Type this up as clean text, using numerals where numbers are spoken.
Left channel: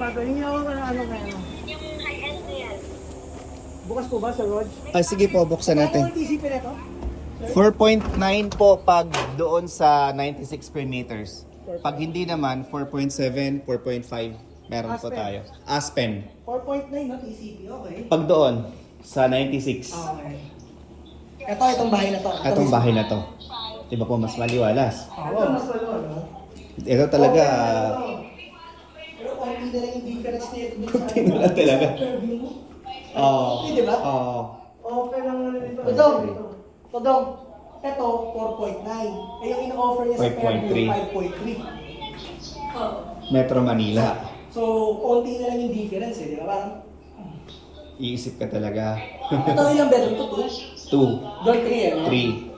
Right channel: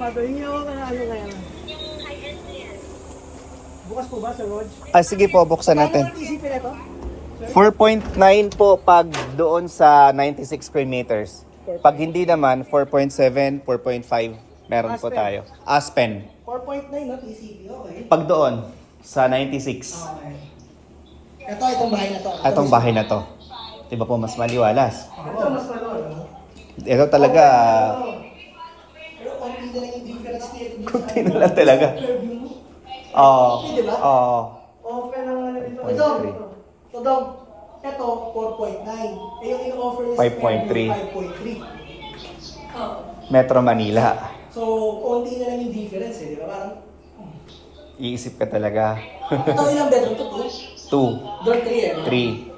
sapato. Hindi ako ano kaya. Bukas po ba, Sir Rod? Ah, sige po, buksan natin. Ano TCP na ito? 4.9 po pag doon sa 96 square meters. Pag hindi naman, 4.7, 4.5 meron po Aspen. tayo. Aspen. 4.9 no, TCP. Okay. Pag doon, sa 96. Okay. Itong bahay na to. Atong bahay na to. Diba po mas maliwalas? Ito mas malo. Ito talaga, Pero konti na lang yung difference niya. kunti na lang talaga. Oo. Diba? Oo. Open lang na ito. Ito, 4.9. Eh yung ino-offer niya 5.3. 5.3. Metro Manila. So, konti na lang yung difference eh. Diba? Parang, Iisip ka talaga. ito ilang bedroom to? 2? 2, Door 3 eh. no? 3.